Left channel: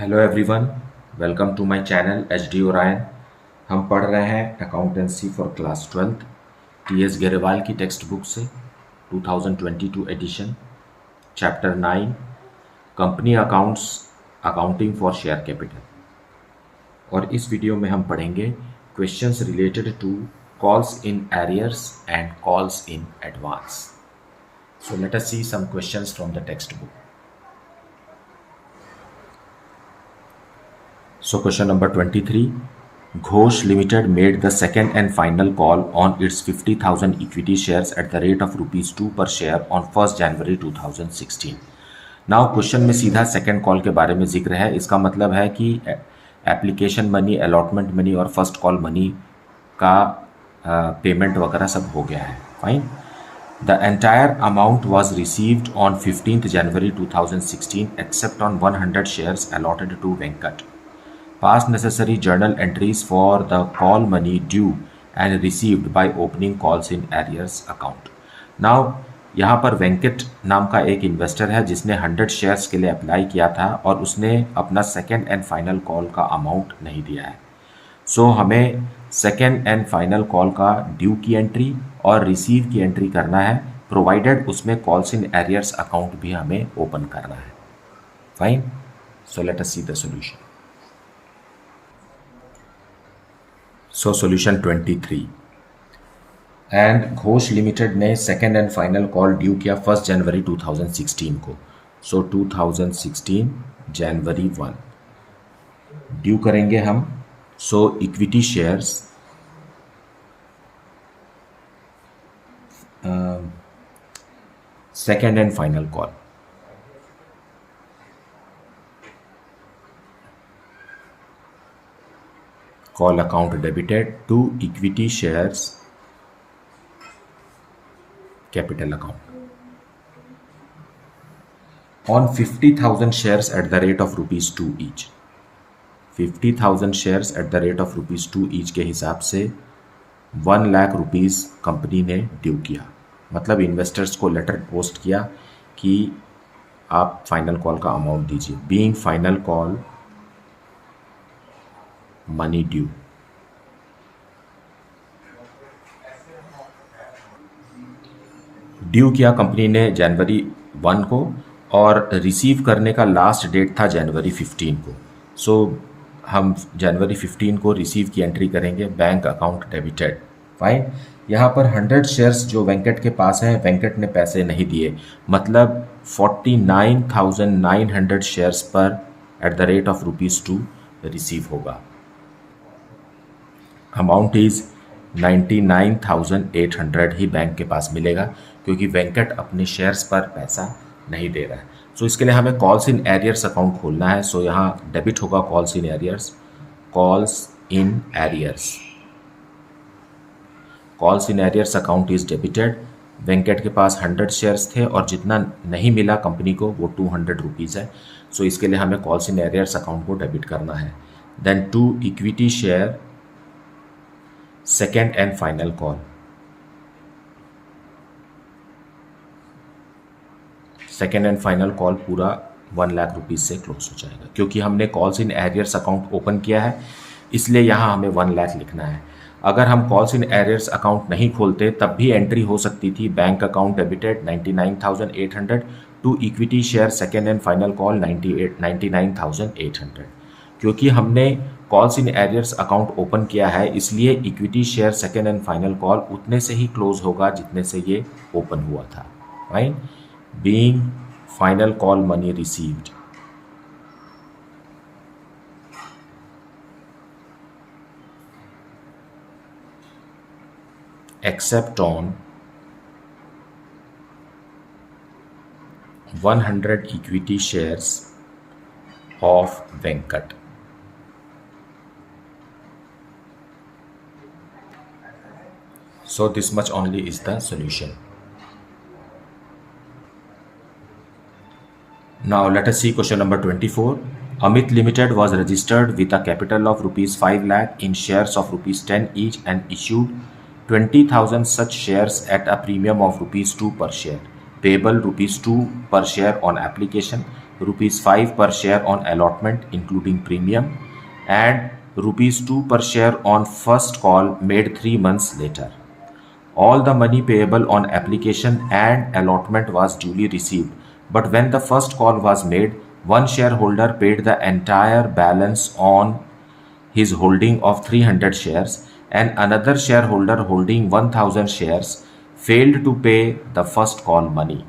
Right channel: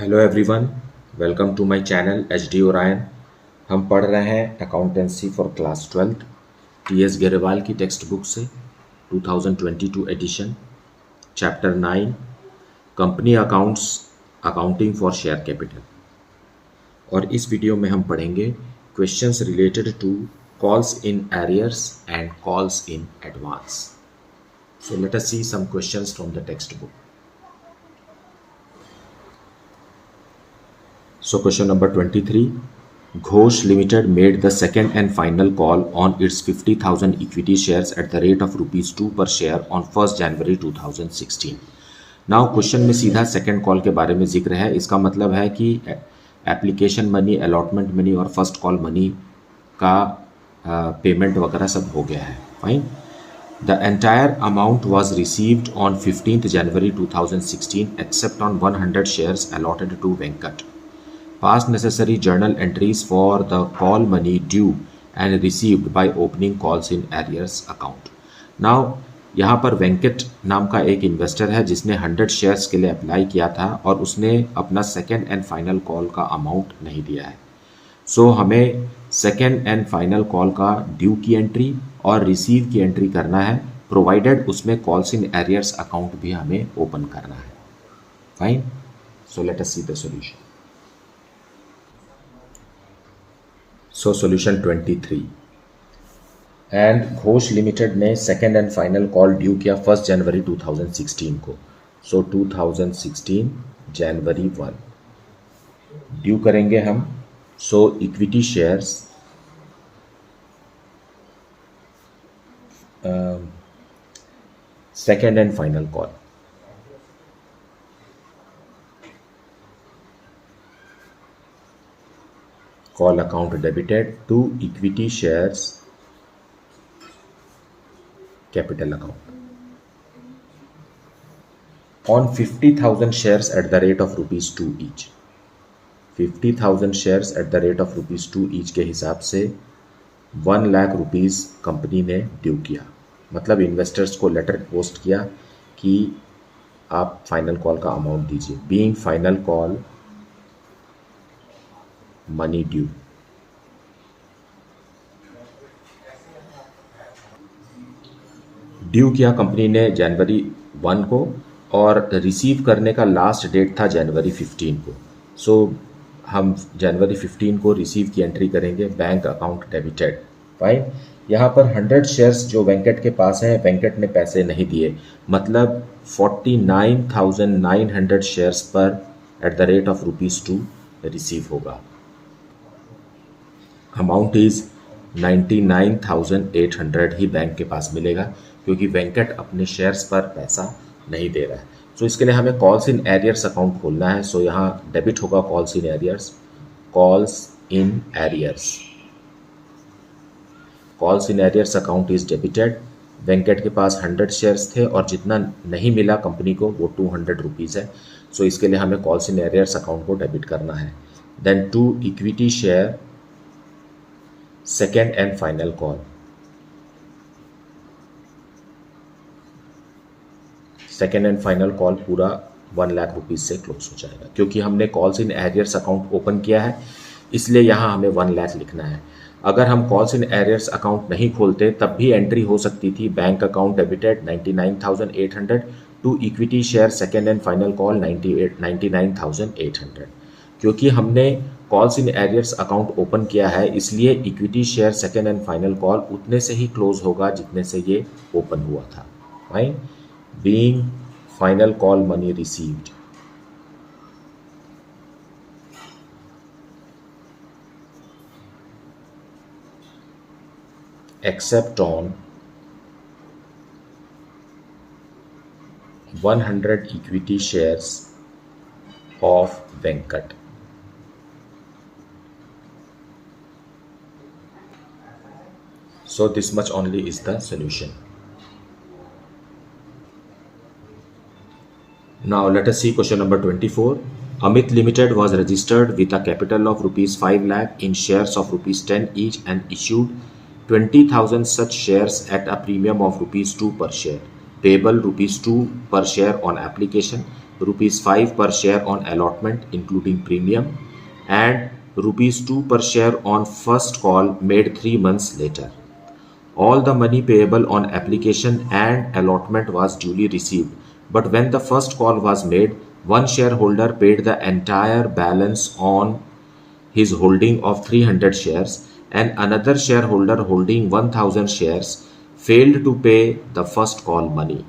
Hello everyone, welcome to my channel H D Orion. हम पढ़ रहे हैं accountancy for class 12 T S Grewal की टेक्स्ट बुक से 2022 edition, chapter 9 company accounts, accounting for share capital. और इस वीडियो में हम पढ़ेंगे questions related to calls in arrears and calls in advance. So let us see some questions from the text book. So question number 23, Ghosh Limited made the second and final call on its 50,000 equity shares at the rate of rupees 2 per share on 1st January 2016. Now question में सीधा second call के बारे में जिक्र है। इसका मतलब है कि एप्लीकेशन मनी, अलॉटमेंट मनी और फर्स्ट कॉल मनी का पेमेंट वगैरह सब हो गया है। Fine. The entire amount was received on 15th January 2016 except on 100 shares allotted to Venkat. Pass necessary journal entries for the call money due and received by opening calls in arrears account. Now यहाँ पर वेंकट नाम का एक investor है जिसने 100 shares के लिए apply किया था और उसने अपना सेकेंड एंड फाइनल कॉल का अमाउंट नहीं दिया है। सो हमें सेकेंड एंड फाइनल कॉल का ड्यू की एंट्री और रिसीव की एंट्री करना है, प्रोवाइडेड उसमें कॉल्स इन एरियर्स अकाउंट भी हमें ओपन करना है। Fine. So let us see the solution. So solution 23, and Ghosh limited ने second and final call due किया 1 जनवरी 2016 को। सो 2016 जनवरी 1 ड्यू करेंगे हम। So equity shares second and final call, call account debited to equity shares capital account on 50,000 shares at the rate of rupees 2 each। 50,000 shares at the rate of rupees 2 each के हिसाब से 1 lakh rupees company ने due किया। मतलब investors को letter post किया कि आप फाइनल कॉल का अमाउंट दीजिए। Being final call money due, due किया कंपनी ने जनवरी 1 को और रिसीव करने का लास्ट डेट था जनवरी 15 को। सो हम जनवरी 15 को रिसीव की एंट्री करेंगे, बैंक अकाउंट डेबिटेड। फाइन। यहाँ पर 100 शेयर्स जो वेंकट के पास हैं, वेंकट ने पैसे नहीं दिए, मतलब 49,900 शेयर्स पर at the rate of rupees 2 receive होगा। अमाउंट इज 99,800 ही बैंक के पास मिलेगा क्योंकि वेंकट अपने शेयर्स पर पैसा नहीं दे रहा है। सो इसके लिए हमें कॉल्स इन एरियर्स अकाउंट खोलना है। सो यहाँ डेबिट होगा calls in arrears, calls in arrears, calls in arrears account is debited. Venkat के पास 100 शेयर्स थे और जितना नहीं मिला कंपनी को वो 200 रुपीज़ है। सो इसके लिए हमें कॉल्स इन एरियर्स अकाउंट को डेबिट करना है। Then to equity share second and final call, second and final call पूरा 1 लाख रुपीज़ से क्लोज हो जाएगा। क्योंकि हमने calls in arrears account open किया है इसलिए यहाँ हमें 1 लाख लिखना है। अगर हम कॉल्स इन एरियर्स अकाउंट नहीं खोलते तब भी एंट्री हो सकती थी, bank account debited 99,800 to equity share second and final call 99,800। क्योंकि हमने calls in arrears account open किया है इसलिए equity share second and final call उतने से ही क्लोज होगा जितने से ये ओपन हुआ था। Right. Being final call money received, except on 100 equity shares of Venkat. So this much only is the solution. Now let us see question number 24. Amit Limited was registered with a capital of rupees 5 lakh in shares of rupees 10 each and issued 20,000 such shares at a premium of rupees 2 per share, payable rupees 2 per share on application, rupees 5 per share on allotment including premium, and rupees 2 per share on first call made 3 months later. All the money payable on application and allotment was duly received, but when the first call was made, one shareholder paid the entire balance on his holding of 300 shares, and another shareholder holding 1000 shares failed to pay the first call money.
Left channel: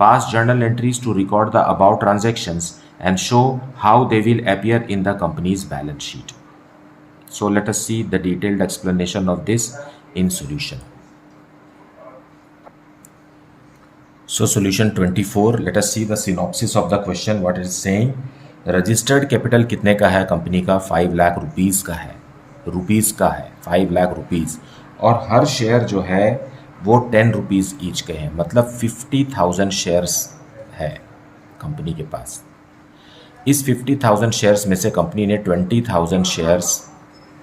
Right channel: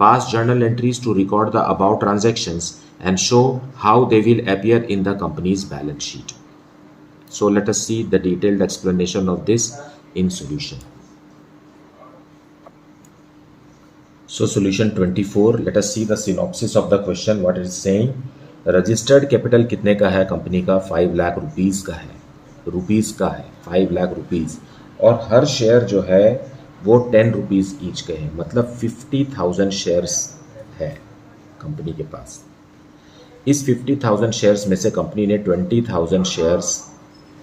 Pass journal entries to record the above transactions and show how they will appear in the company's balance sheet. So let us see the detailed explanation of this in solution. So solution 24, let us see the synopsis of the question, what it is saying. Registered capital कितने का है company का? 5 lakh rupees का है, 5 lakh rupees, और हर share जो है वो 10 रुपीज़ ईच के हैं, मतलब 50,000 शेयर्स है कंपनी के पास। इस 50,000 शेयर्स में से कंपनी ने 20,000 शेयर्स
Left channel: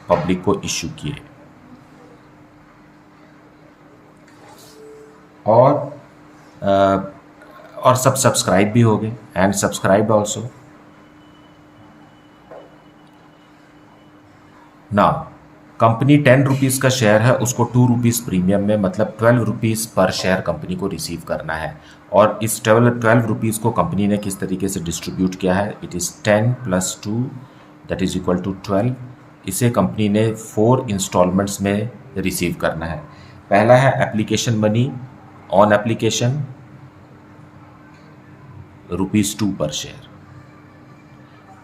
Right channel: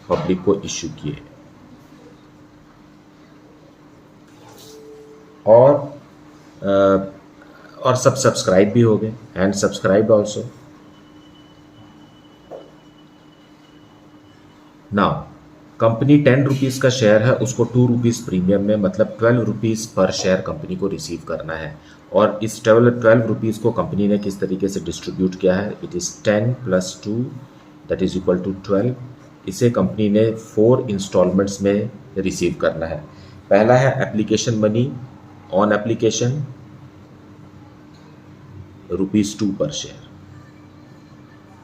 पब्लिक को इश्यू किए, और सब सब्सक्राइब भी हो गए, एंड सब्सक्राइब ऑल्सो। ना कंपनी 10 रुपीज़ का शेयर है, उसको 2 रुपीज़ प्रीमियम में, मतलब 12 रुपीज़ पर शेयर कंपनी को रिसीव करना है, और इस 12 रुपीज़ को कंपनी ने किस तरीके से डिस्ट्रीब्यूट किया है? It is 10 + 2 that is equal to 12। इसे कंपनी ने 4 इंस्टॉलमेंट्स में रिसीव करना है। पहला है application money, on application ₹2 per share,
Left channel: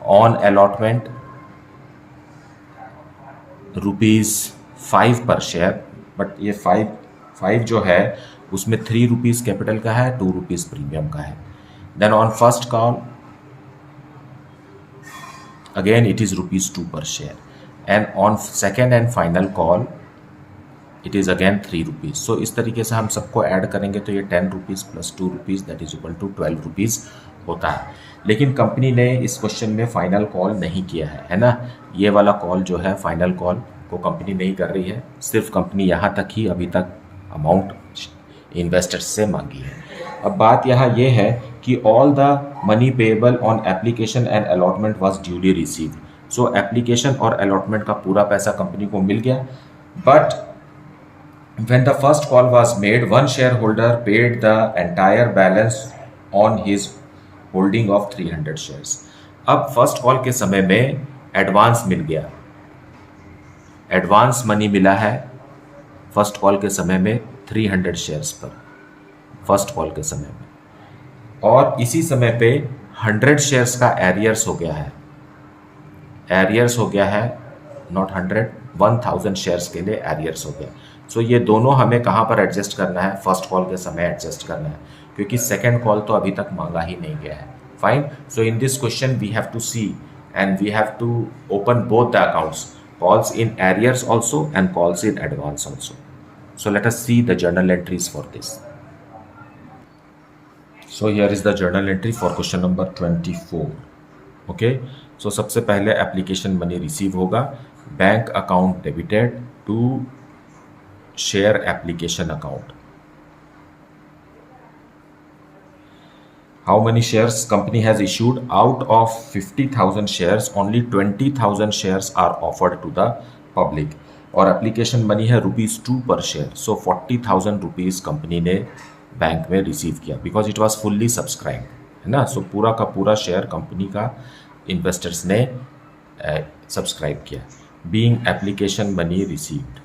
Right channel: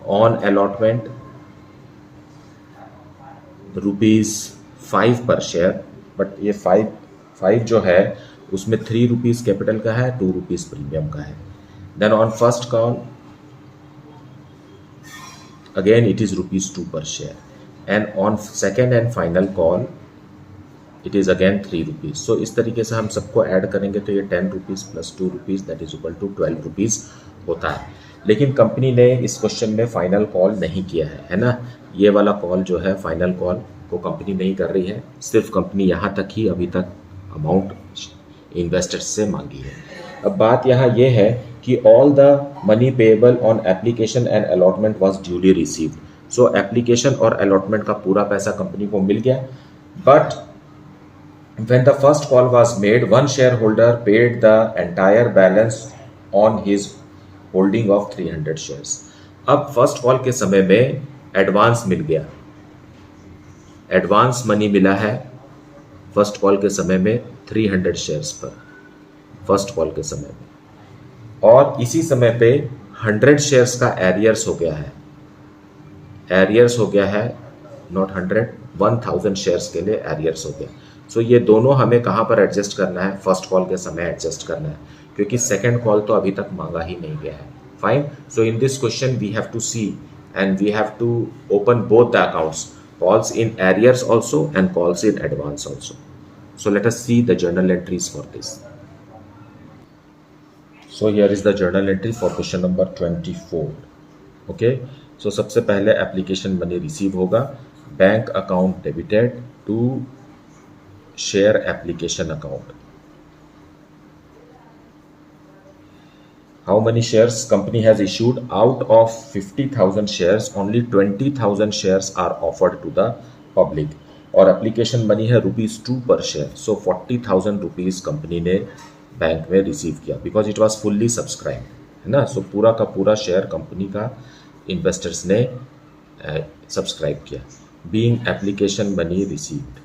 on allotment ₹5 पर शेयर, बट ये 5 जो है उसमें 3 रुपीज़ कैपिटल का है, 2 रुपीज़ प्रीमियम का है। Then on first call again it is ₹2 per share, and on second and final call it is again 3 rupees. So इस तरीके से हम सबको ऐड करेंगे तो ये 10 rupees + 2 rupees that is equal to 12 rupees होता है। लेकिन कंपनी ने इस क्वेश्चन में फाइनल कॉल नहीं किया है ना, ये वाला कॉल जो है फाइनल कॉल को कंपनी नहीं कर रही है, सिर्फ कंपनी यहाँ तक ही अभी तक अमाउंट इन्वेस्टर्स से मांगी है। अब बात यहाँ ये है कि all the money payable on application and allotment was duly received. So application और अलॉटमेंट का पूरा पैसा कंपनी को मिल गया, but when the first call was made, one shareholder paid the entire balance on his holding of 300 shares. अब first call के समय में एडवांस मिल गया, एडवांस मनी मिला है फर्स्ट कॉल के समय में 300 शेयर्स पर, फर्स्ट कॉल के समय में, और इसी समय पे 100 शेयर्स का एरियर्स हो गया है, एरियर्स हो गया है, नॉट 100, 1000 शेयर्स के लिए एरियर्स हो गया। सो ये दोनों हमें कहाँ पर एडजस्ट करना है? फर्स्ट कॉल के समय एडजस्ट करना है, क्योंकि सेकंड कॉल तो अभी तक मांगा ही नहीं गया है। Fine, so in this question we have to see and we have to open both the accounts, calls in arrears also and calls in advance also. So let us see the journal entries for this. So here is the journal entry for question number 24। Okay, so सबसे पहले application money receive होगा, bank account debited to share application account. How many shares company has issued? Out of 50,000 shares, only 20,000 shares are offered to the public, और application money है ₹2 per share. सो 40,000 rupees company ने bank में receive किया, because it was fully subscribe, है ना। सो पूरा का पूरा शेयर कंपनी का इन्वेस्टर्स ने सब्सक्राइब किया। बीइंग एप्लीकेशन मनी रिसीव्ड,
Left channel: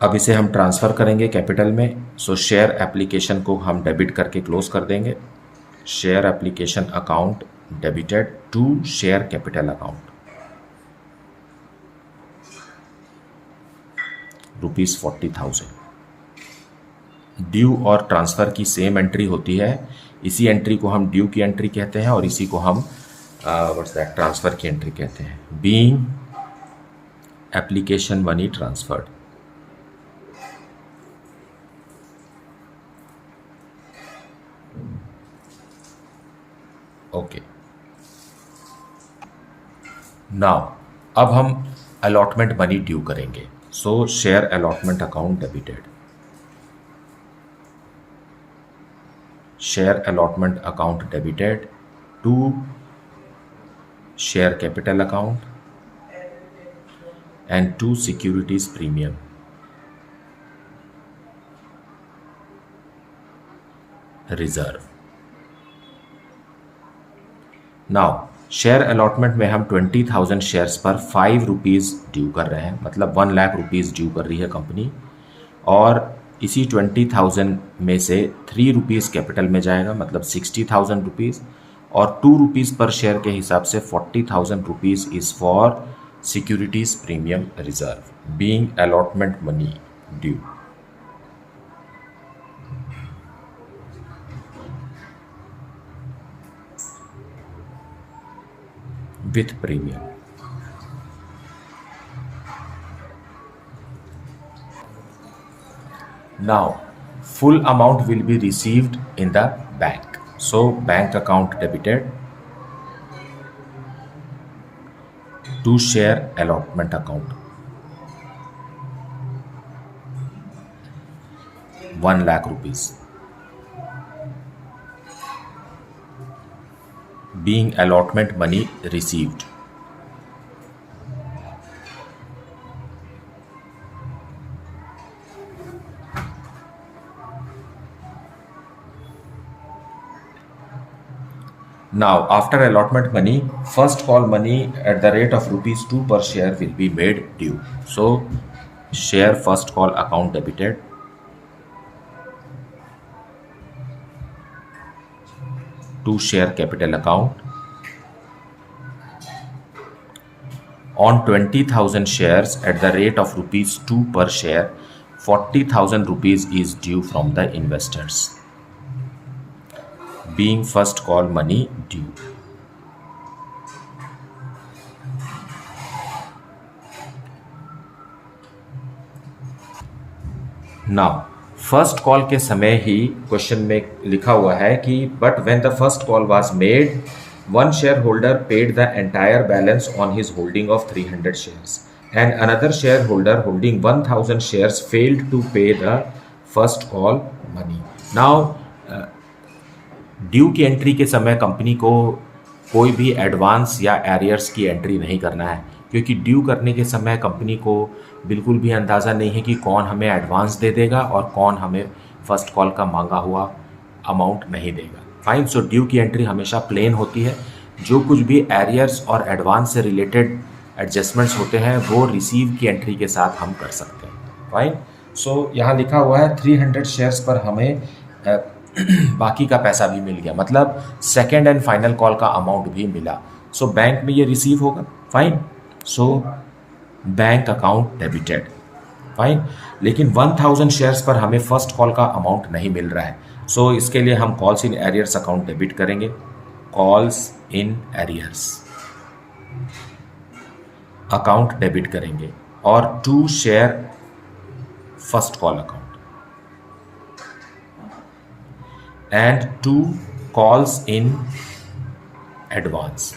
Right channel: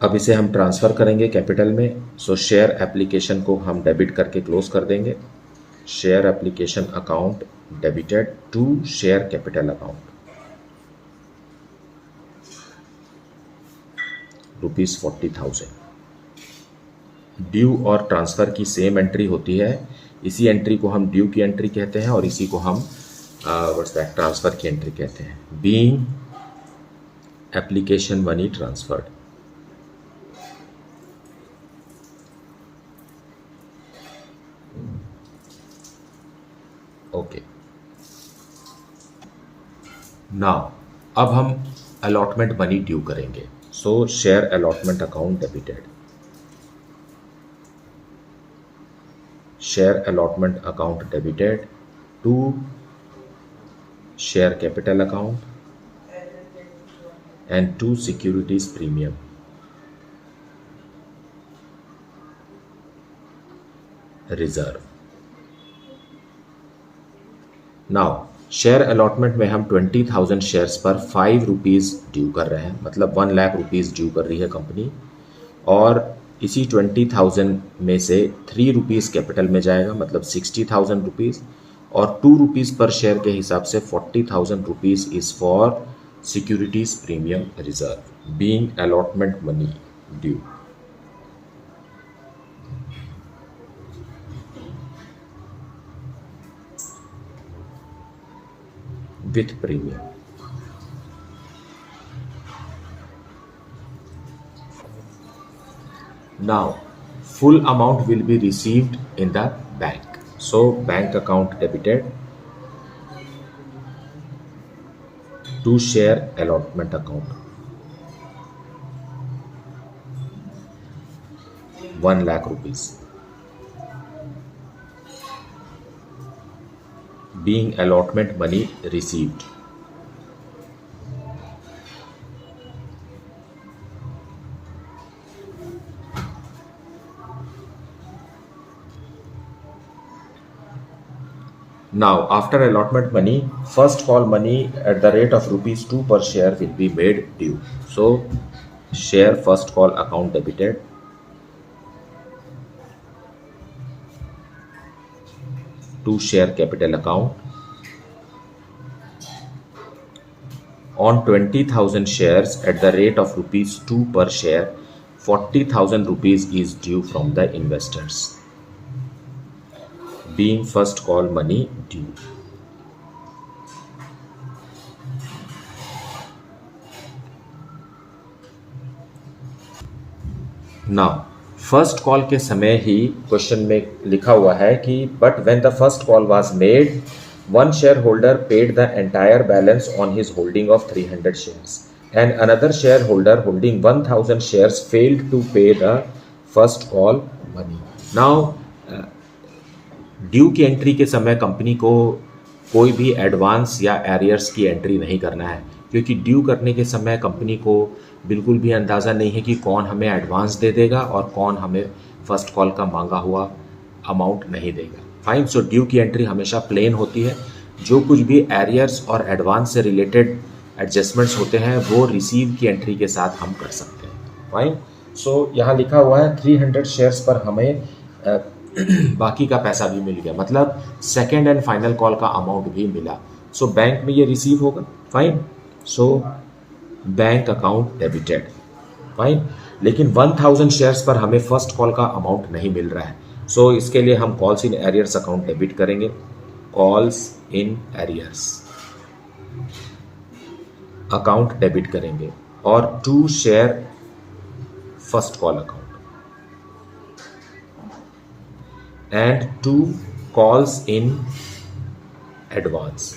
अब इसे हम ट्रांसफ़र करेंगे कैपिटल में। सो शेयर एप्लीकेशन को हम डेबिट करके क्लोज कर देंगे। Share application account debited to share capital account, ₹40,000। Due और ट्रांसफ़र की सेम एंट्री होती है, इसी एंट्री को हम ड्यू की एंट्री कहते हैं और इसी को हम ट्रांसफ़र की एंट्री कहते हैं। Being application money transferred, okay. Now अब हम अलॉटमेंट मनी ड्यू करेंगे। So share allotment account debited. Share allotment account debited to share capital account and to securities premium. Reserve. Now share allotment में हम 20,000 shares पर 5 rupees due कर रहे हैं, मतलब 1 लाख रुपीज़ ड्यू कर रही है कंपनी, और इसी 20,000 में से 3 रुपीज़ कैपिटल में जाएगा, मतलब 60,000 रुपीज़, और 2 रुपीज़ पर शेयर के हिसाब से 40,000 rupees is for securities premium reserve being allotment money due. With premium. Now, full amount will be received in the bank. So, bank account debited to share allotment account. 1 lakh rupees. Being allotment money received. Now, after allotment money, first call money at the rate of ₹2 per share will be made due. So, share first call account debited to share capital account. On 20,000 shares at the rate of ₹2 per share, 40,000 rupees is due from the investors, being first call money due. Now, first call के समय ही क्वेश्चन में लिखा हुआ है कि but when the first call was made, one share holder paid the entire balance on his holding of 300 shares and another share holder holding 1,000 shares failed to pay the first call money. Now due की entry के समय company को कोई भी advance या arrears की entry नहीं करना है, क्योंकि ड्यू करने के समय कंपनी को बिल्कुल भी अंदाज़ा नहीं है कि कौन हमें एडवांस दे देगा और कौन हमें फर्स्ट कॉल का मांगा हुआ अमाउंट नहीं देगा. फाइन. सो ड्यू की एंट्री हमेशा प्लेन होती है. जो कुछ भी एरियर्स और एडवांस से रिलेटेड एडजस्टमेंट्स होते हैं वो रिसीव की एंट्री के साथ हम कर सकते हैं. फाइन. सो यहाँ लिखा हुआ है 300 शेयर्स पर हमें बाकी का पैसा भी मिल गया, मतलब सेकेंड एंड फाइनल कॉल का अमाउंट भी मिला. सो बैंक में ये रिसीव होगा. Fine. So bank account debited. Fine. लेकिन 1,000 शेयर्स पर हमें फर्स्ट कॉल का अमाउंट नहीं मिल रहा है. सो इसके लिए हम calls in arrears account debit करेंगे. Calls in arrears account debit करेंगे और to share first call account and to calls in advance.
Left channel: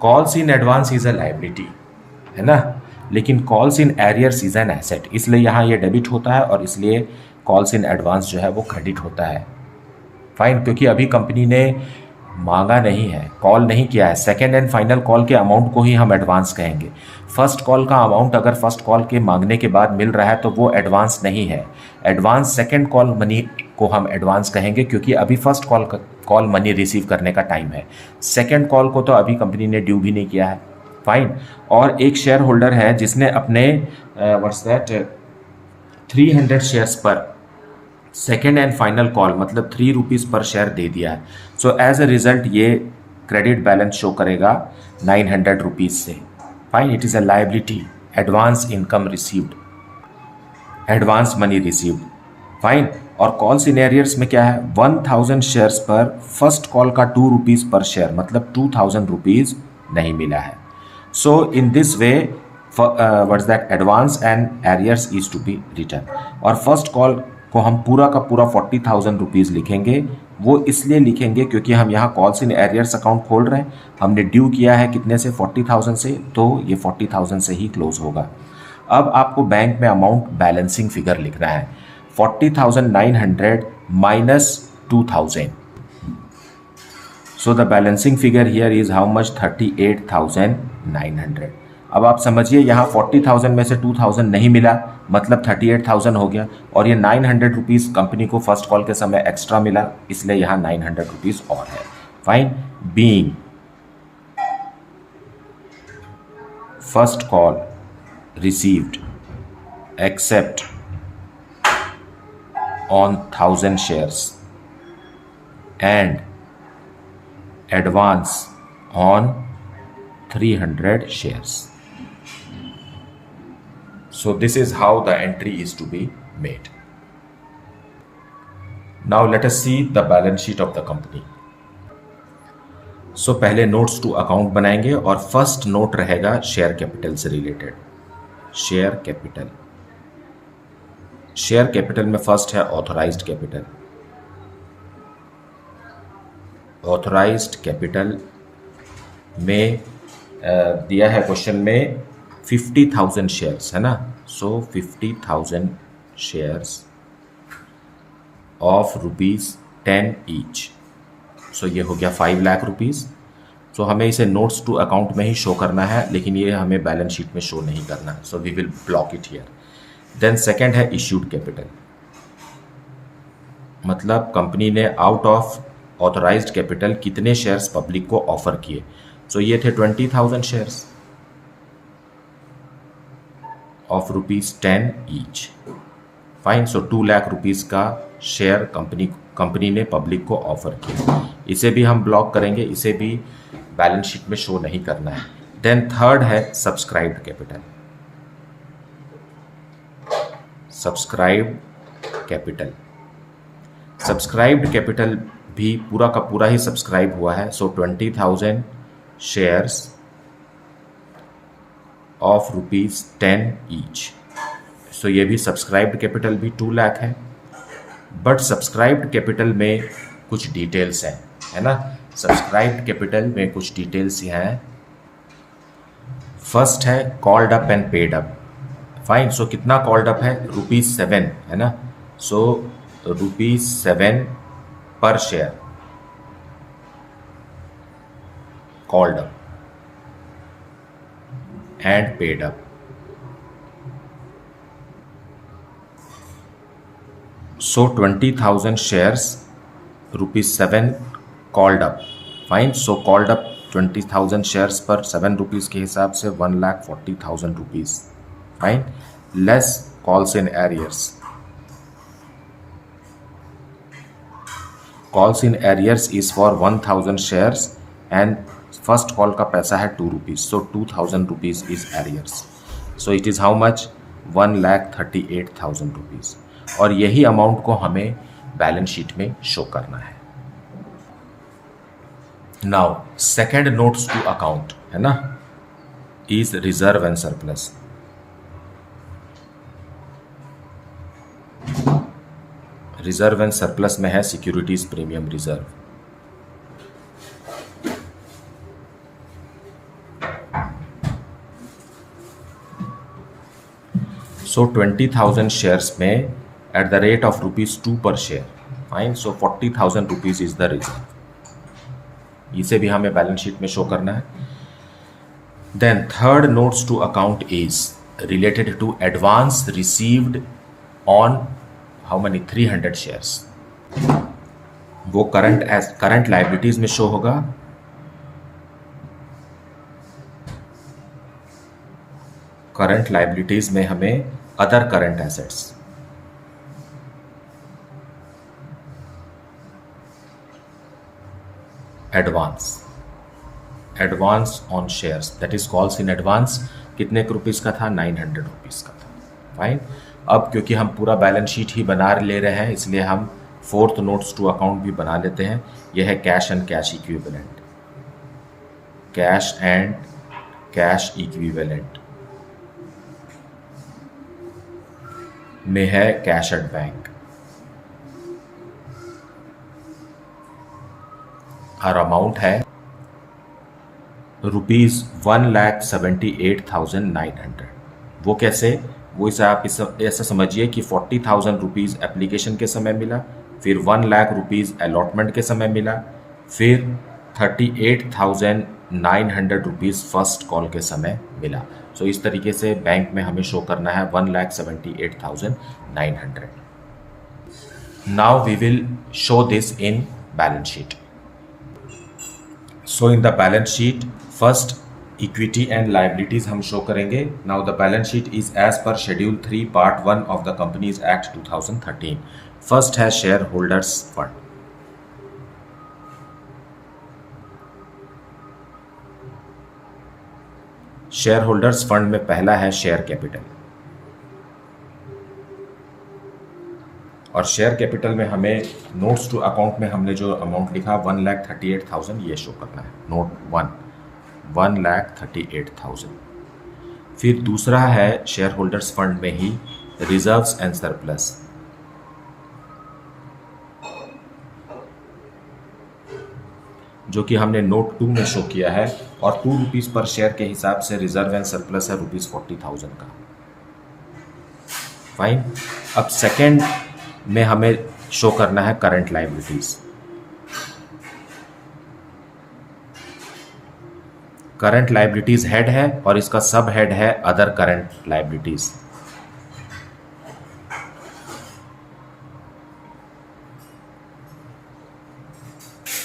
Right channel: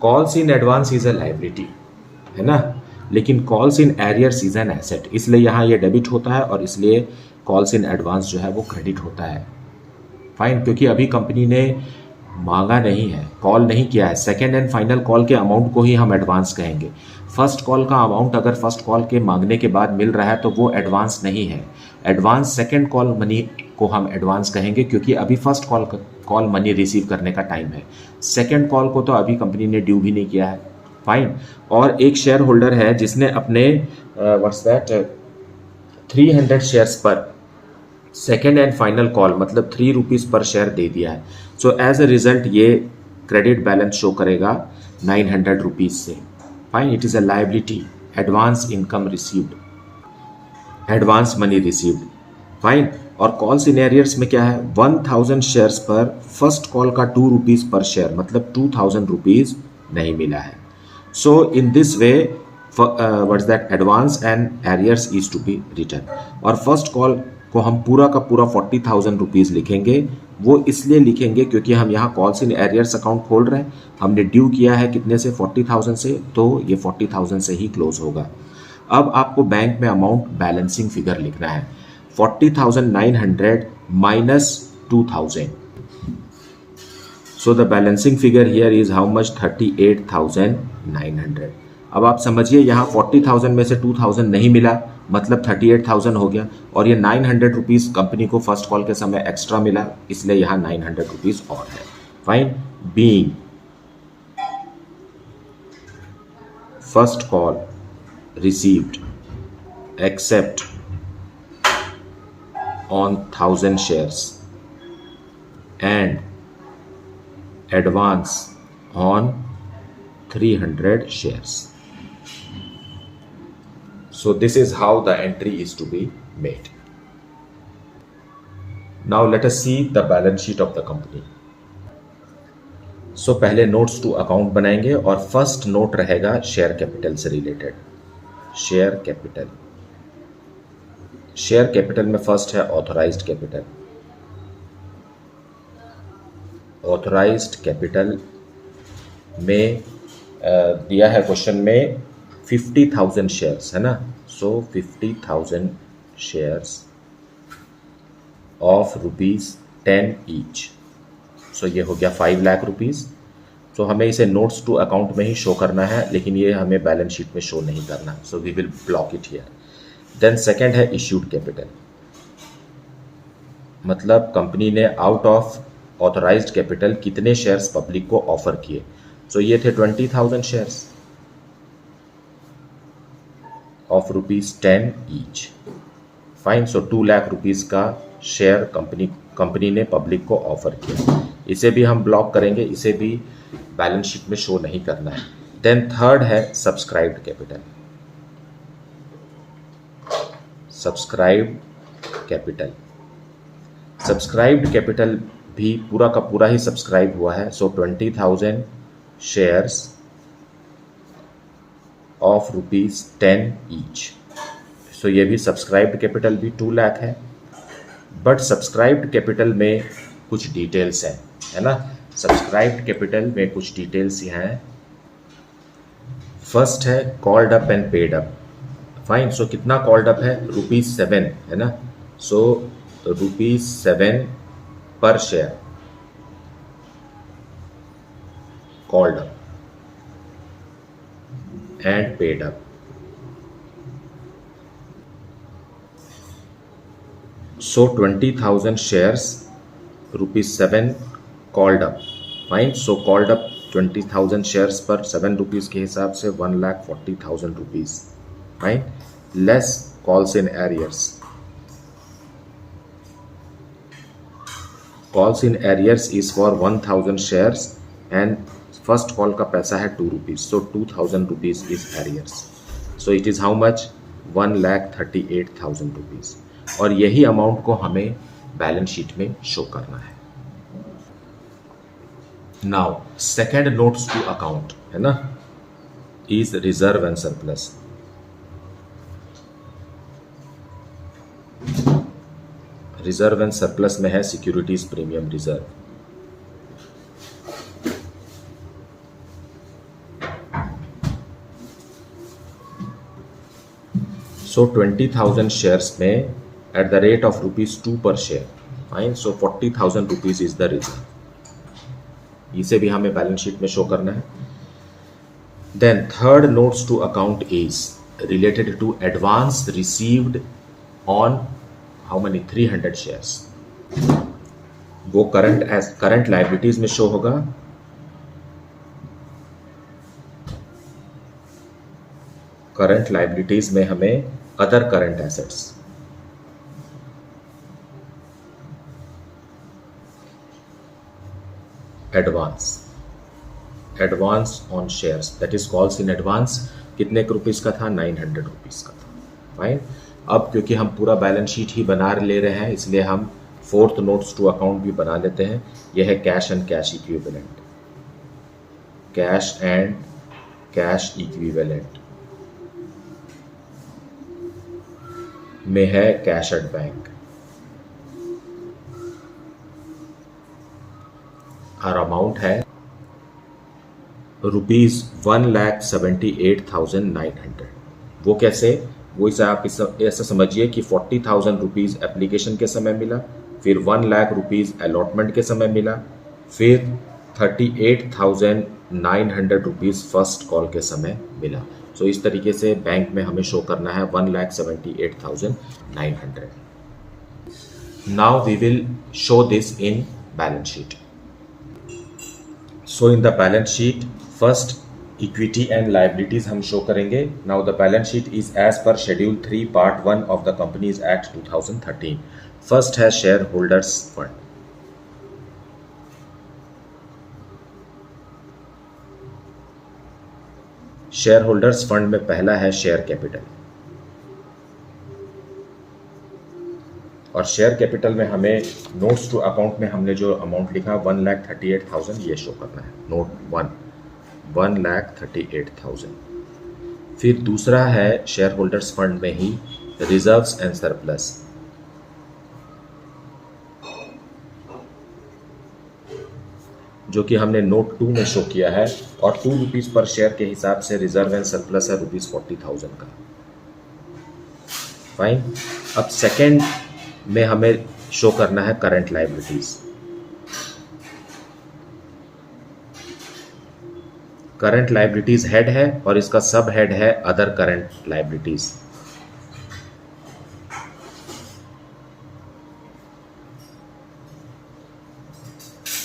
Calls in advance is a liability, है ना, लेकिन calls in arrears is an asset, इसलिए यहाँ ये debit होता है और इसलिए कॉल्स इन एडवांस जो है वो क्रेडिट होता है. फाइन. क्योंकि अभी कंपनी ने मांगा नहीं है, कॉल नहीं किया है. सेकेंड एंड फाइनल कॉल के अमाउंट को ही हम एडवांस कहेंगे. फर्स्ट कॉल का अमाउंट अगर फर्स्ट कॉल के मांगने के बाद मिल रहा है तो वो एडवांस नहीं है. एडवांस सेकेंड कॉल मनी को हम एडवांस कहेंगे, क्योंकि अभी फर्स्ट कॉल मनी रिसीव करने का टाइम है. सेकेंड कॉल को तो अभी कंपनी ने ड्यू भी नहीं किया है. फाइन. और एक शेयर होल्डर है जिसने अपने 300 शेयर्स पर सेकेंड एंड फाइनल कॉल मतलब 3 रुपीज़ पर शेयर दे दिया है. सो एज अ रिजल्ट ये क्रेडिट बैलेंस शो करेगा 900 रुपीज़ से. Fine. It is a liability. Advance income received, advance money received. Fine. और कॉल्स इन एरियर्स में क्या है, 1,000 शेयर्स पर फर्स्ट कॉल का 2 रुपीज़ पर शेयर मतलब 2,000 रुपीज़ नहीं मिला है. So in this way what is that advance and arrears is to be return. और फर्स्ट कॉल को हम पूरा का पूरा 40,000 रुपीज़ लिखेंगे वो इसलिए लिखेंगे क्योंकि हम यहाँ कॉल्स इन एरियर्स अकाउंट खोल रहे हैं, हमने ड्यू किया है कितने से 40,000 से, तो ये 40,000 से ही क्लोज होगा। अब आपको बैंक में अमाउंट बैलेंसिंग फिगर लिखना है, 40,900 minus 2,000। So the balancing figure here is how much, 38,900। अब आप समझिए यहाँ 40,000 में से 2,000 नहीं मिला, मतलब 38,000 हो गया, और ये 900 रुपीज़ कंपनी को फर्स्ट कॉल के समय एक्स्ट्रा मिला, इसलिए यहाँ 900 रुपीज़ और है। Fine, being first call received except on 1,000 shares and advance on 300 shares. So this is how the entry is to be made. Now let us see the balance sheet of the company. So पहले notes to account बनाएंगे और first note रहेगा share capital से related. Share capital, share capital में first है authorised capital. Authorised capital में दिया है क्वेश्चन में 50,000 शेयर्स है ना, सो 50,000 शेयर्स ऑफ ₹10 ईच, सो ये हो गया 5 लाख रुपीज़। सो हमें इसे नोट्स टू अकाउंट में ही शो करना है, लेकिन ये हमें बैलेंस शीट में शो नहीं करना है, so we will block it here. Then second है इश्यूड कैपिटल, मतलब कंपनी ने आउट ऑफ ऑथराइज्ड कैपिटल कितने शेयर्स पब्लिक को ऑफर किए। सो ये थे 20,000 shares of ₹10 each. Fine, so 2 lakh rupees का शेयर कंपनी ने पब्लिक को ऑफर किया। इसे भी हम ब्लॉक करेंगे, इसे भी बैलेंस शीट में शो नहीं करना है। देन थर्ड है subscribed capital. Subscribed capital, subscribed capital भी पूरा का पूरा ही सब्सक्राइब हुआ है, सो 20,000 शेयर्स ऑफ ₹10 ईच। सो ये भी सब्सक्राइब्ड कैपिटल भी 2 लाख है, बट सब्सक्राइब्ड कैपिटल में कुछ डिटेल्स हैं, है ना। सब्सक्राइब्ड कैपिटल में कुछ डिटेल्स हैं। फर्स्ट है called up and paid up. Fine, so कितना कॉल्ड अप है, ₹7 है ना, सो ₹7 पर share called up and paid up. So 20,000 shares, ₹7 called up. Fine. So called up 20,000 shares पर 7 रुपीज़ के हिसाब से 1,40,000 rupees. Fine. Less calls in arrears. Calls in arrears is for 1,000 shares and first call का पैसा है 2 rupees. So 2,000 rupees is arrears. So it is how much? 1,38,000 rupees. और यही amount को हमें बैलेंस शीट में शो करना है। Now second notes to account है ना, is reserve and surplus. Reserve and surplus में है securities premium reserve. So 20,000 shares में at the rate of ₹2 per share. Fine. So 40,000 rupees is the reserve. इसे भी हमें बैलेंस शीट में show करना है। Then third notes to account is related to advance received on how many? 300 shares. वो current liabilities में show होगा। Current liabilities में हमें other current assets, advance on shares, that is calls in advance. कितने rupees का था? 900 rupees का था। फाइन। अब क्योंकि हम पूरा बैलेंस शीट ही बना ले रहे हैं, इसलिए हम फोर्थ नोट्स टू अकाउंट भी बना लेते हैं। यह है cash and cash equivalent. Cash and cash equivalent में है कैश एट बैंक। और अमाउंट है ₹1,78,900। वो कैसे? वो इसे आप ऐसा समझिए कि 40,000 रुपीज़ एप्लीकेशन के समय मिला, फिर 1 लाख रुपीज़ अलॉटमेंट के समय मिला, फिर 38,900 रुपीज़ फर्स्ट कॉल के समय मिला। सो इस तरीके से बैंक में हमें शो करना है 1,78,900। Now we will show this in balance sheet. So in the balance sheet first equity and liabilities हम शो करेंगे। Now the balance sheet is as per schedule 3 part 1 of the companies act 2013। First है share holders fund. Share holders fund में पहला है share capital, और share capital में हमें notes to account में हमने जो अमाउंट लिखा 1,38,000 ये शो करना है। नोट 1,38,000। फिर दूसरा है शेयर होल्डर्स फंड में ही रिजर्व्स एंड सरप्लस, जो कि हमने नोट 2 में शो किया है, और ₹2 पर शेयर के हिसाब से रिजर्व एंड सरप्लस है ₹40,000 का। फाइन। अब सेकेंड में हमें शो करना है current liabilities. Current liabilities head है और इसका सब हेड है other current liabilities.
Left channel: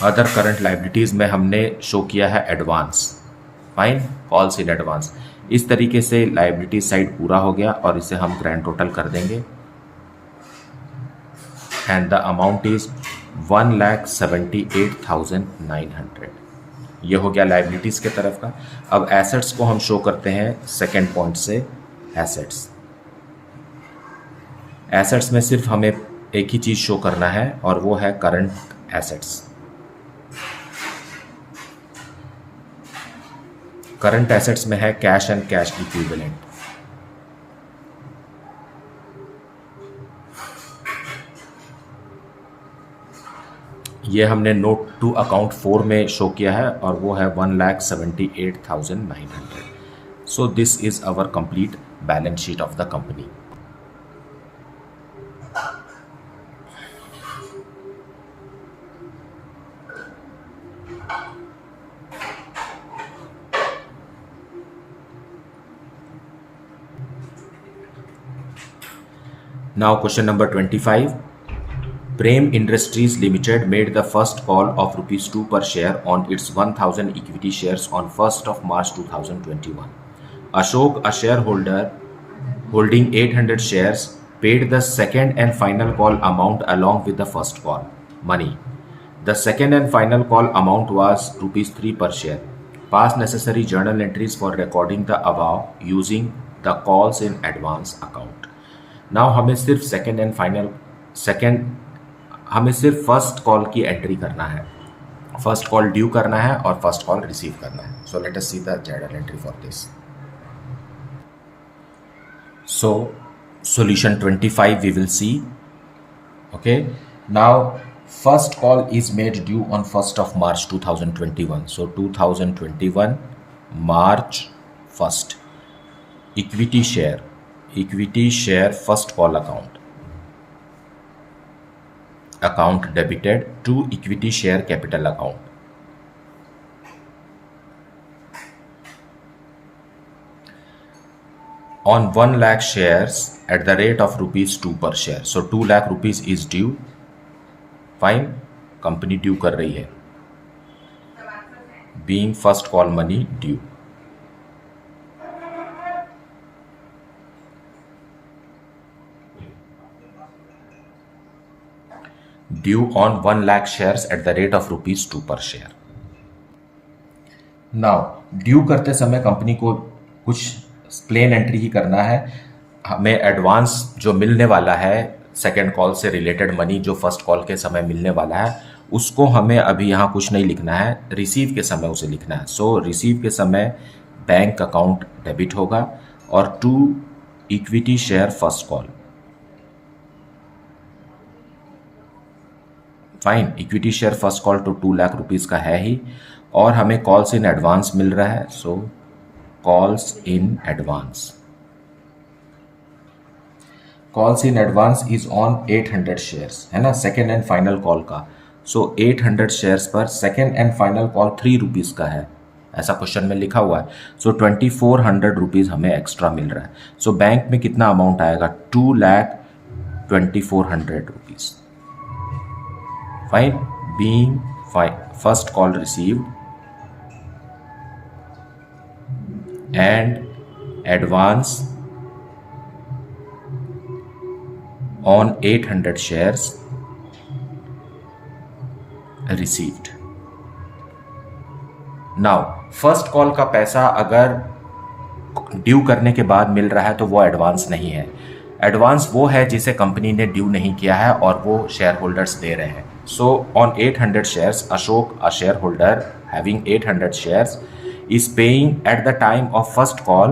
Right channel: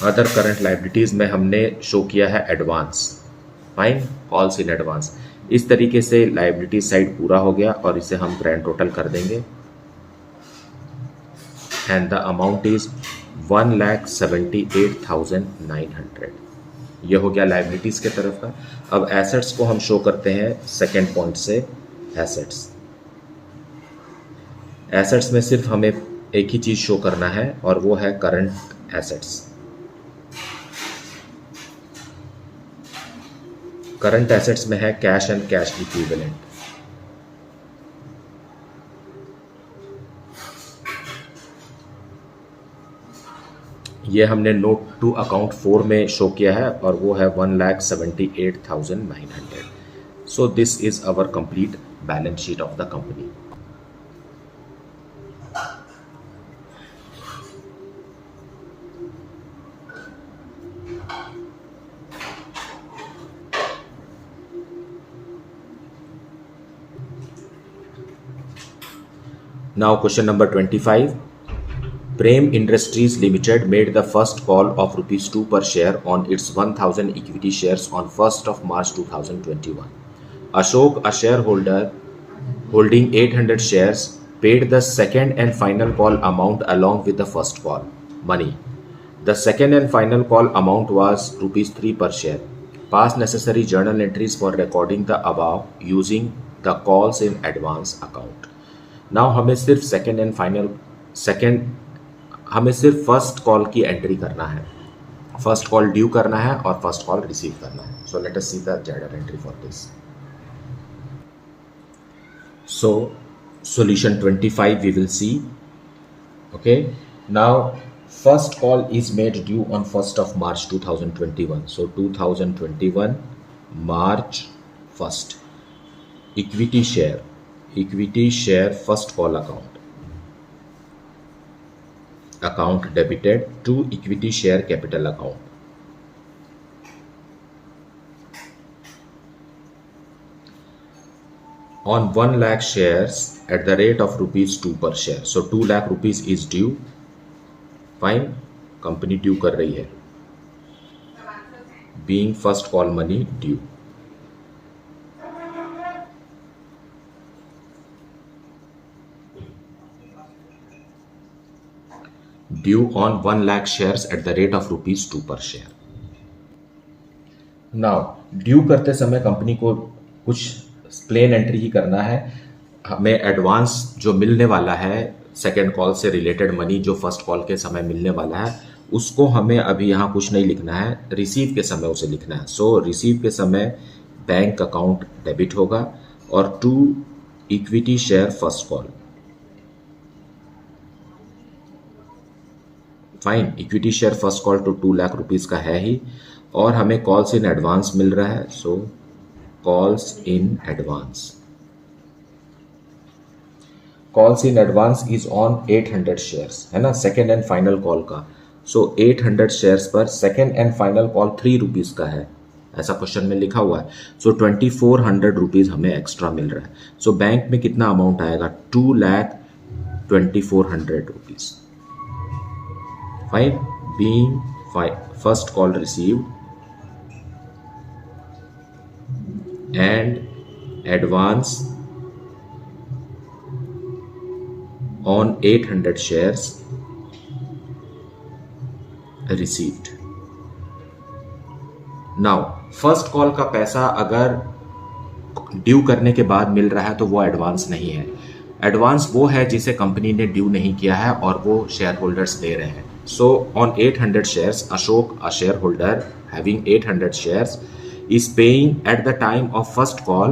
Other current liabilities में हमने शो किया है advance. Fine, calls in advance. इस तरीके से लायबिलिटी साइड पूरा हो गया और इसे हम ग्रैंड टोटल कर देंगे, एंड द अमाउंट इज 1,78,900। ये हो गया लायबिलिटीज के तरफ का। अब एसेट्स को हम शो करते हैं सेकेंड पॉइंट से। एसेट्स में सिर्फ हमें एक ही चीज शो करना है और वो है करंट एसेट्स। करंट एसेट्स में है कैश एंड कैश इक्विवेलेंट। ये हमने नोट टू अकाउंट 4 में शो किया है और वो है 1,78,900। So this is our complete balance sheet of the company. Now question number 25. Prem Industries Limited made the first call of ₹2 per share on its 1,000 equity shares on 1st of March 2021. Ashok, a shareholder holding 800 shares, paid the second and final call amount along with the first call money. The second and final call amount was ₹3 per share. Pass necessary journal entries for recording the above using the calls in advance account. Now हमें सिर्फ हमें सिर्फ first call की entry करना है। First call due करना है और फर्स्ट कॉल रिसीव करना है। सो let us see the journal entry for this. So solution 25 we will see. Okay, now first call is made due on 1st of March 2021. So 2021 March 1st. Equity share first call account debited to equity share capital account. On 1 lakh shares at the rate of ₹2 per share. So 2 lakh rupees is due. Fine, company due कर रही है, being first call money due. Due on 1 lakh shares at the rate of ₹2 per share. Now, due करते समय company को कुछ plane entry ही करना है। हमें एडवांस जो मिलने वाला है सेकेंड कॉल से रिलेटेड मनी, जो फर्स्ट कॉल के समय मिलने वाला है, उसको हमें अभी यहाँ कुछ नहीं लिखना है, रिसीव के समय उसे लिखना है। सो रिसीव के समय बैंक अकाउंट डेबिट होगा और to equity share first call fine, equity share first call तो 2 लाख रुपीस का है ही, और हमें कॉल्स इन एडवांस मिल रहा है, so calls in advance, calls in advance is on 800 shares, है ना, सेकेंड एंड फाइनल कॉल का। सो 800 शेयर्स पर second and final call 3 rupees का है, ऐसा क्वेश्चन में लिखा हुआ है। सो 2400 रुपीज़ हमें एक्स्ट्रा मिल रहा है। सो बैंक में कितना अमाउंट आएगा, 2,24,00 rupees. Fine, being first call received and advance on 800 shares received. Now first call का पैसा अगर ड्यू करने के बाद मिल रहा है तो वो एडवांस नहीं है। एडवांस वो है जिसे कंपनी ने ड्यू नहीं किया है और वो शेयर होल्डर्स दे रहे हैं। So on 800 shares, Ashok, a shareholder having 800 shares, is paying at the time of first call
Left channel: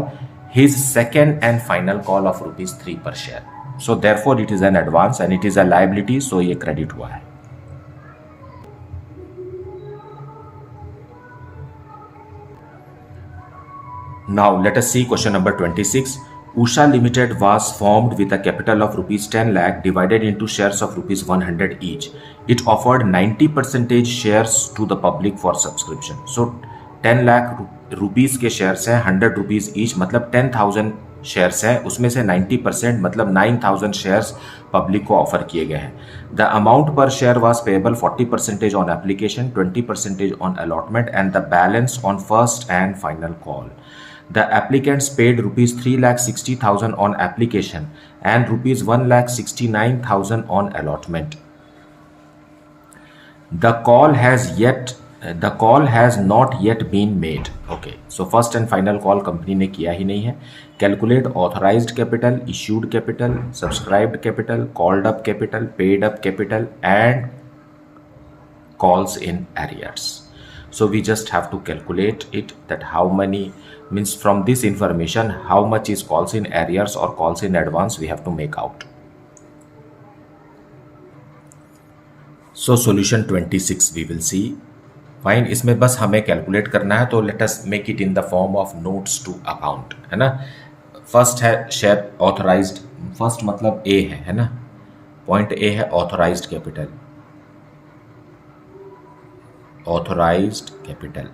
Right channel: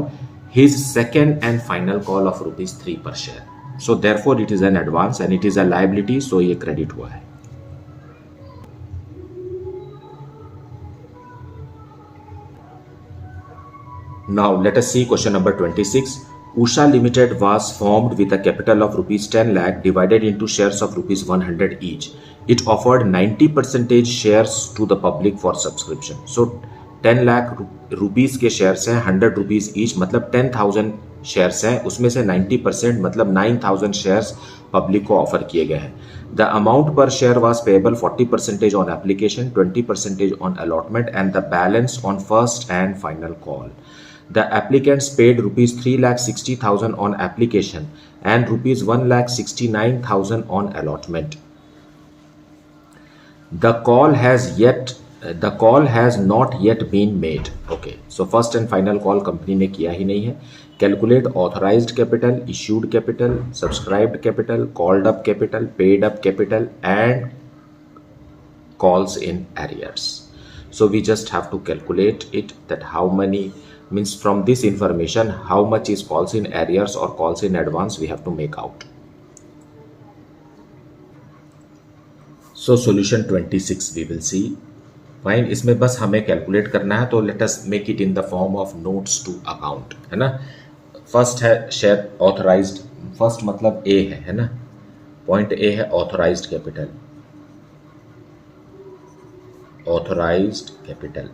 his second and final call of ₹3 per share. So therefore it is an advance and it is a liability, so ये credit हुआ है। Now let us see question number 26. Usha Limited was formed with a capital of ₹10 lakh divided into shares of ₹100 each. It offered 90% shares to the public for subscription. So 10 lakh rupees के shares हैं, 100 rupees each, मतलब 10,000 shares हैं, उसमें से 90% मतलब 9,000 shares public को offer किए गए हैं। द अमाउंट पर share was payable 40% on application, 20% on allotment and the balance on first and final call. The applicants paid ₹3,60,000 on application and ₹1,69,000 on allotment. The call has not yet been made. Okay, so first and final call company ने किया ही नहीं है। Calculate authorized capital, issued capital, subscribed capital, called up capital, paid up capital and calls in arrears. So we just have to calculate it, that how many, means from this information how much is calls in arrears or calls in advance we have to make out. So solution 26 we will see. Fine, इसमें बस हमें calculate करना है, तो let us make it in the form of notes to account, है ना। First है share authorised, first मतलब ए है ना, पॉइंट ए है authorised capital. Authorised capital,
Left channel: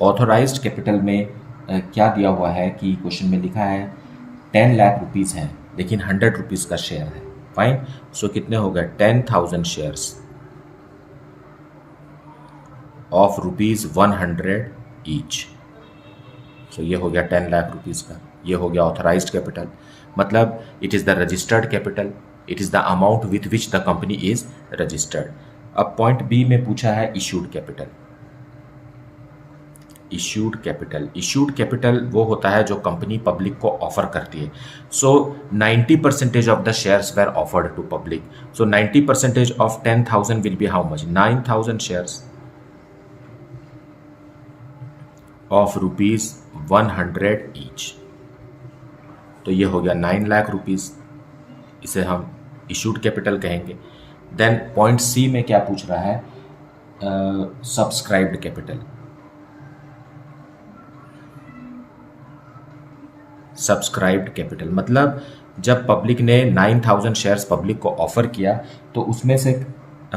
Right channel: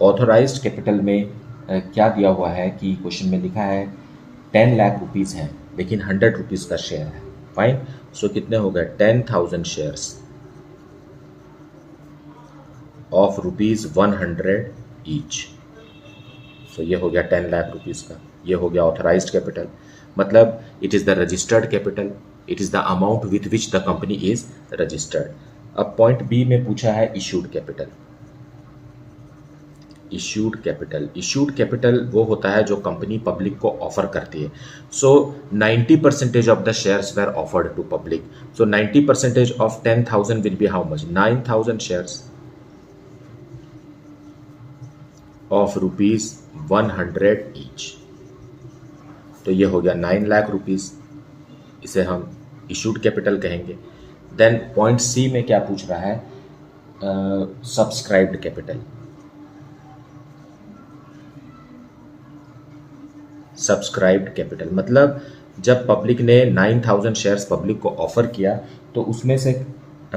authorised capital में क्या दिया हुआ है कि क्वेश्चन में लिखा है 10 लाख रुपीज़ हैं लेकिन 100 रुपीज़ का शेयर है। फाइन, सो कितने हो गए, 10,000 शेयर्स ऑफ ₹100 ईच। सो ये हो गया 10 लाख रुपीज़ का, ये हो गया ऑथराइज्ड कैपिटल, मतलब it is the registered capital, it is the amount with which the company is registered. अब पॉइंट बी में पूछा है issued capital. Issued capital, issued capital वो होता है जो कंपनी पब्लिक को ऑफर करती है। So 90% of the shares were offered to public, so 90% of 10,000 will be how much, 9,000 shares of ₹100 each. तो ये हो गया 9 लाख रुपीज़, इसे हम इशूड कैपिटल कहेंगे। देन पॉइंट सी में क्या पूछ रहा है, सब्सक्राइब्ड कैपिटल। सब्सक्राइब्ड कैपिटल मतलब जब पब्लिक ने 9,000 शेयर्स पब्लिक को ऑफर किया तो उसमें से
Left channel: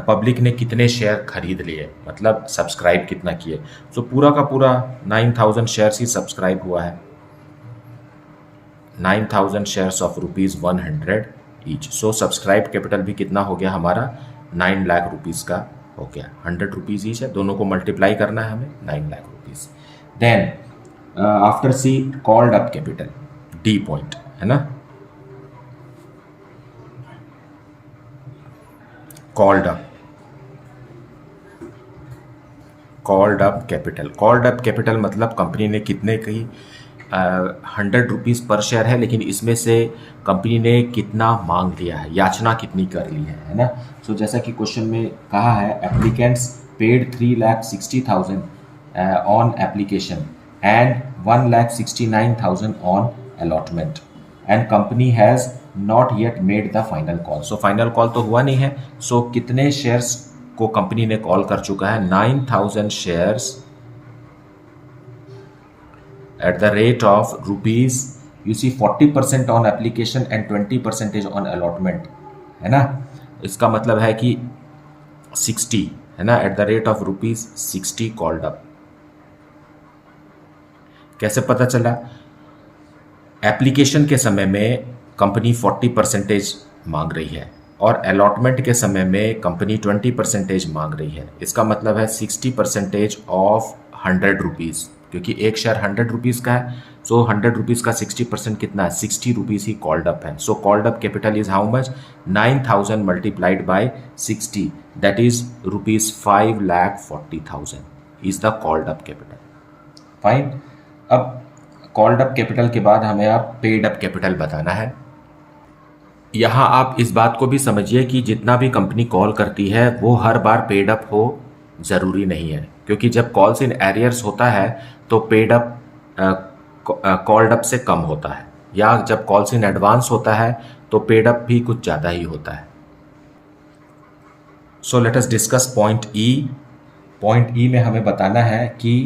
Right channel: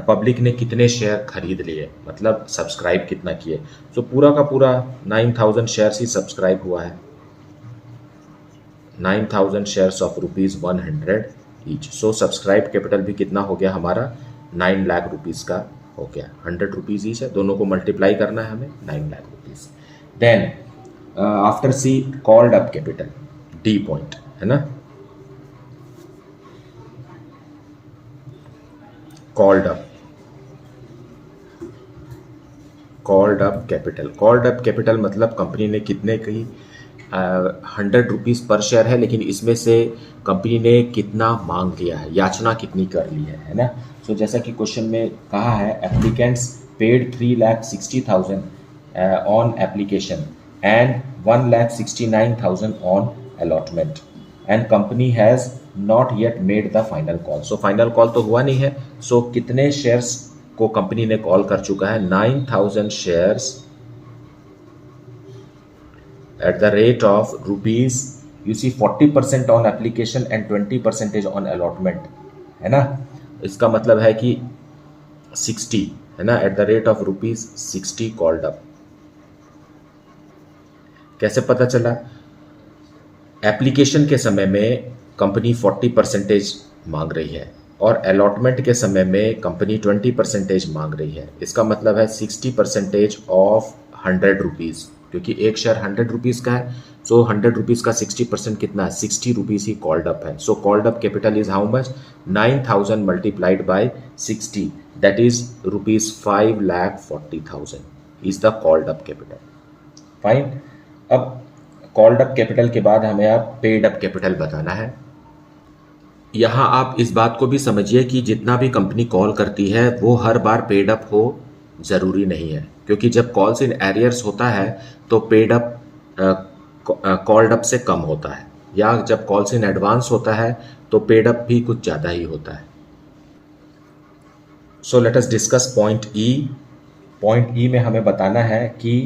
पब्लिक ने कितने शेयर खरीद लिए, मतलब सब्सक्राइब कितना किए। सो पूरा का पूरा 9,000 शेयर्स ही सब्सक्राइब हुआ है, 9,000 shares of ₹100 each. So subscribe capital भी कितना हो गया हमारा, 9 लाख रुपीज़ का हो गया। 100 रुपीज़ ईच है, दोनों को मल्टीप्लाई करना है हमें, 9 lakh rupees. Then after C called up capital, D point है ना, called up capital. Called up capital मतलब कंपनी ने कितने की 100 रुपीज़ पर शेयर है, लेकिन इसमें से कंपनी ने कितना मांग लिया है, याचना कितनी कर ली है ना। सो जैसा कि क्वेश्चन में कहा है, applicants paid 3,60,000 on application and 1,69,000 on allotment and company has not yet made the final call. So final call तो हुआ नहीं है, so कितने शेयर्स को कंपनी ने कॉल कर चुका है 9,000 shares at the rate of rupees, you see 40% on application and 20% on allotment, है ना। इसका मतलब है कि 60, है ना, at the rate of rupees 60 called up। कैसे पता चला? एप्लीकेशन के समय में कंपनी 40% मांग रही है और अलॉटमेंट के समय में कंपनी 20% मांग रही है। इसका मतलब है 60% ऑफ 100 रुपीज़, क्योंकि एक शेयर 100 रुपीज़ का है। सो 100 रुपीज़ का 60% कितना है? 60 रुपीज़ ही कॉल्ड अप है। So called up capital is how much? 9,000 multiplied by 60, that is rupees 5,40,000 is the called up capital. Fine. अब कॉल्ड अप कैपिटल के बाद हमें आप पेड अप कैपिटल बताना है। यहाँ आप इस बात को भी समझिए कि जितना भी कंपनी कॉल करती है वो हर बार पेड अप हो ज़रूरी नहीं है, क्योंकि जब कॉल्स इन एरियर्स होता है तो पेड अप कॉल्ड अप से कम होता है, या जब कॉल्स इन एडवांस होता है तो पेड अप भी कुछ ज़्यादा ही होता है। सो लेट अस डिस्कस पॉइंट ई। पॉइंट ई में हमें बताना है कि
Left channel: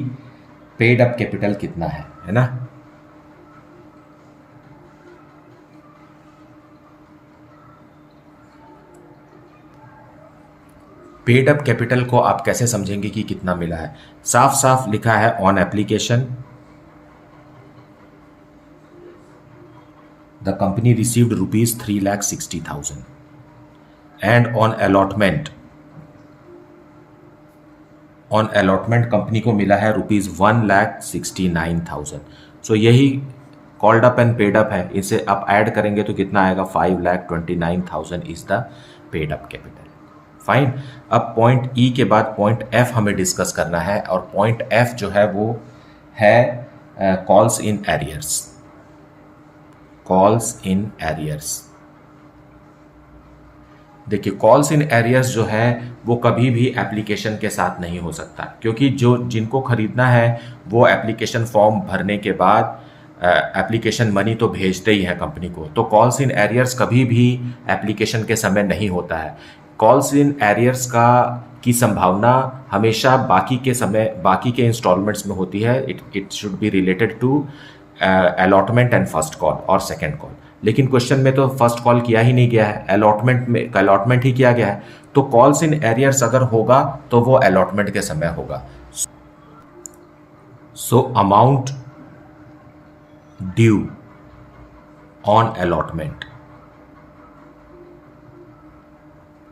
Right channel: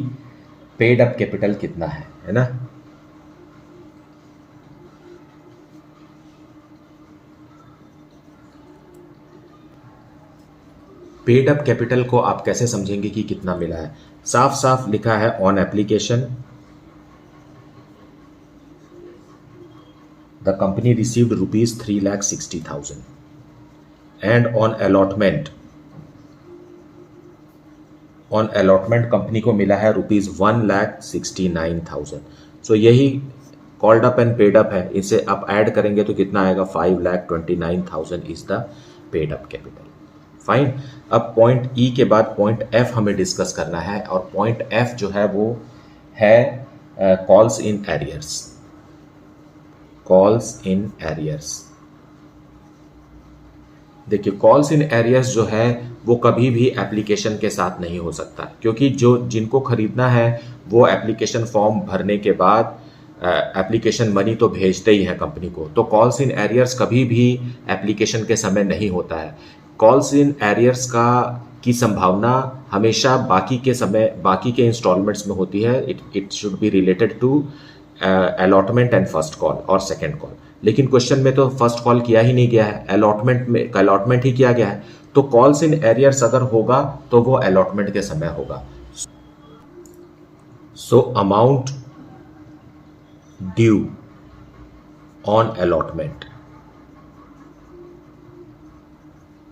पेड अप कैपिटल कितना है ना। पेड अप कैपिटल को आप कैसे समझेंगे कि कितना मिला है? साफ साफ लिखा है on application the company received rupees 3,60,000 and on allotment company को मिला है रुपीज 1,69,000। सो यही called up and paid up है। इसे आप ऐड करेंगे तो कितना आएगा? 5,29,000 is the paid up capital. Fine. अब पॉइंट ई के बाद पॉइंट एफ हमें डिस्कस करना है, और पॉइंट एफ जो है वो है calls in arrears. Calls in arrears, देखिए कॉल्स इन एरियर्स जो है वो कभी भी एप्लीकेशन के साथ नहीं हो सकता, क्योंकि जो जिनको खरीदना है वो एप्लीकेशन फॉर्म भरने के बाद एप्लीकेशन मनी तो भेजते ही है कंपनी को। तो कॉल्स इन एरियर्स कभी भी एप्लीकेशन के समय नहीं होता है। कॉल्स इन एरियर्स की संभावना हमेशा बाकी के इंस्टॉलमेंट्स में होती है। It should be related to allotment and first call और सेकेंड कॉल। लेकिन क्वेश्चन में तो फर्स्ट कॉल किया ही नहीं गया है, अलॉटमेंट ही किया गया है। तो कॉल्स इन एरियर्स अगर होगा तो वो अलॉटमेंट के समय होगा। So amount due on allotment,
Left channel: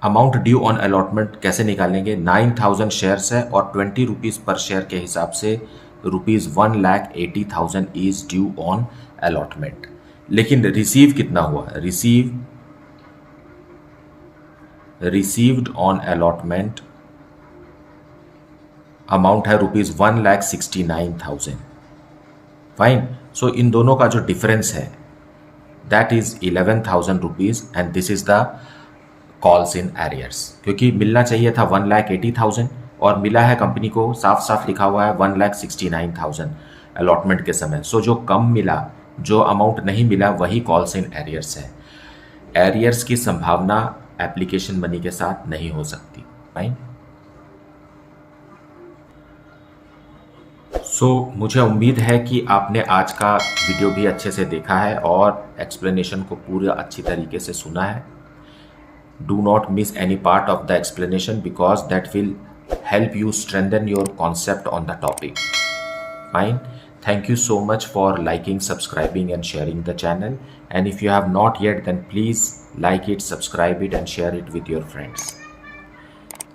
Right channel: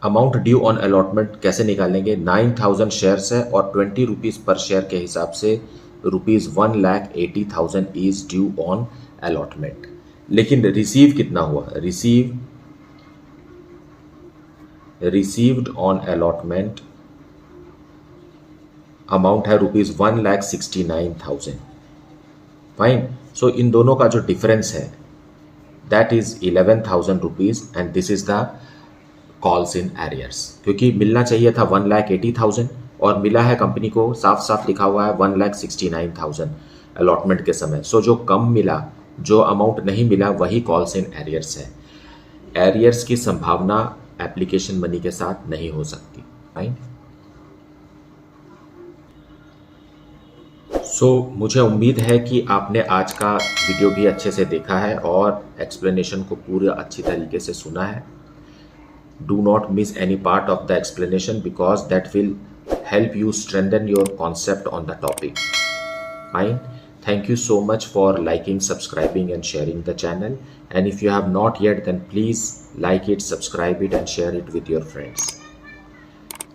amount due on allotment कैसे निकालेंगे? 9,000 शेयर्स है और 20 रुपीज़ पर शेयर के हिसाब से rupees 1,80,000 is due on allotment. लेकिन रिसीव कितना हुआ? रिसीव्ड ऑन अलॉटमेंट अमाउंट है रुपीज़ 1,69,000। फाइन। सो इन दोनों का जो डिफरेंस है that is 11,000 rupees and this is the calls in arrears. क्योंकि मिलना चाहिए था 1,80,000 और मिला है कंपनी को, साफ साफ लिखा हुआ है 1,69,000 अलॉटमेंट के समय। सो जो कम मिला, जो अमाउंट नहीं मिला, वही कॉल्स इन एरियर्स है। एरियर्स की संभावना एप्लीकेशन मनी के साथ नहीं हो सकती। फाइन। सो मुझे उम्मीद है कि आपने आज का वीडियो भी अच्छे से देखा है और एक्सप्लेनेशन को पूरा अच्छी तरीके से सुना है। Do not miss any part of the explanation because that will help you strengthen your concept on the topic. Fine. Thank you so much for liking, subscribing and sharing the channel. And if you have not yet, then please like it, subscribe it and share it with your friends.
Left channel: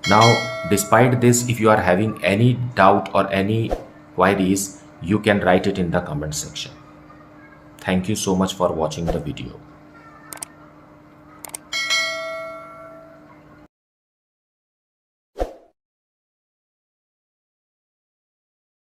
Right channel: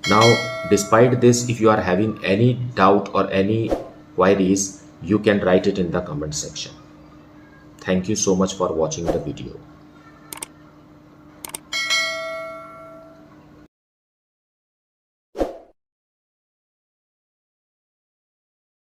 Now, despite this, if you are having any doubt or any queries, you can write it in the comment section. Thank you so much for watching the video.